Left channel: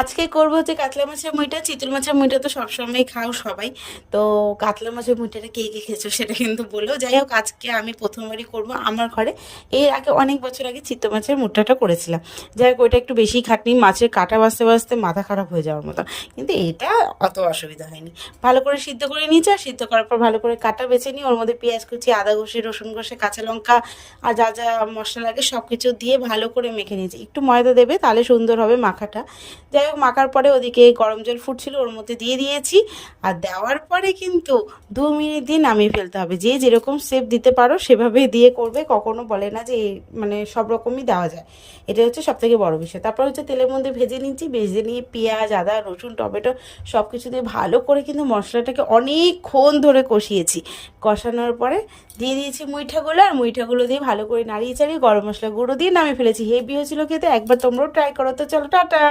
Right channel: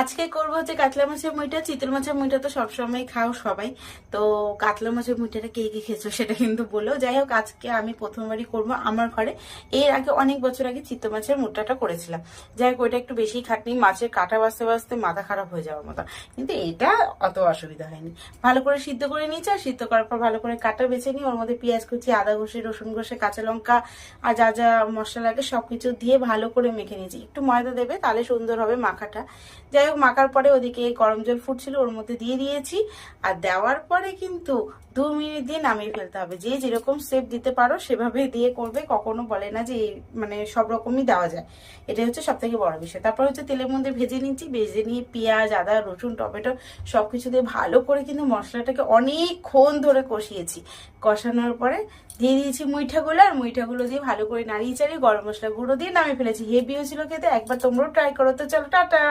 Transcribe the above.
আজকে করবো হচ্ছে কাতলা মাছের মুইটা। চিতল মাছের মুইটা তো সবসময় খাও সবাই। তো কাতলা মাছের মুইটাটা কে কে খেয়েছো সেটা কিন্তু বলো। যাই হোক, আজকে আমি প্রথমবারই করব আমার ঘরে। এর আগে অনেক বছর আগে চিতল মাছের মুঠাটা করেছিলাম। যাই হোক, ওইটা একটু বেশি খাটনি, মাছের কাঁটা বাছতে বাছতে মাথা খারাপ হয়ে যাওয়ার মতো। কিন্তু এটা অত অসুবিধা হয়নি। ভালো করে সিদ্ধ করে নিয়েছি, আর সিদ্ধ করার পর ভালো করে কাটা বেছে নিই, ওর মধ্যে পেঁয়াজ কুচি, আদা ঘষে, রসুন ঘষে, কাঁচা লঙ্কা আর যা যা মশলা লাগে সব কিছু দিয়ে ভালো করে মেখে নিয়েছি। একটু ময়দা দেবে, তাহলে সুন্দর হবে মাখাটা। যাই হোক, মাখার পরে ওদিকে গরম জল ফুটছিল, ওর মধ্যে দিয়ে দিয়েছি। আর দেওয়ার পরে কিন্তু 2 মিনিট দিয়ে নামিয়ে ফেলতে হবে। যে যেরকম শেপ দিতে পারো সেভাবে দিয়ে করবে, কখনো বলে না যে মানে সব রকমই দেওয়া যায়। এটা হচ্ছে সব থেকে বড় বিষয়। তারপর হচ্ছে তেলের মধ্যে ভেজে নিচ্ছি, ভেজে নিয়ে পেঁয়াজ, আদা, রসুন, টমেটো সব কিছু দিয়ে ভালো করে কিন্তু মশলাটাকে অনেকক্ষণ ধরে কষিয়েছি। কষানোর পরে দিয়ে দিয়েছি মুইঠাগুলো, আর মুইঠাগুলো দিয়ে ভালো করে নাড়িয়ে চাড়িয়ে গরম মশলা গুঁড়ো দিয়ে নামিয়ে ফেলেছি। হেভি হয়েছিল খেতে, একবার তোমরাও ট্রাই করো। তো চলো, টাটা।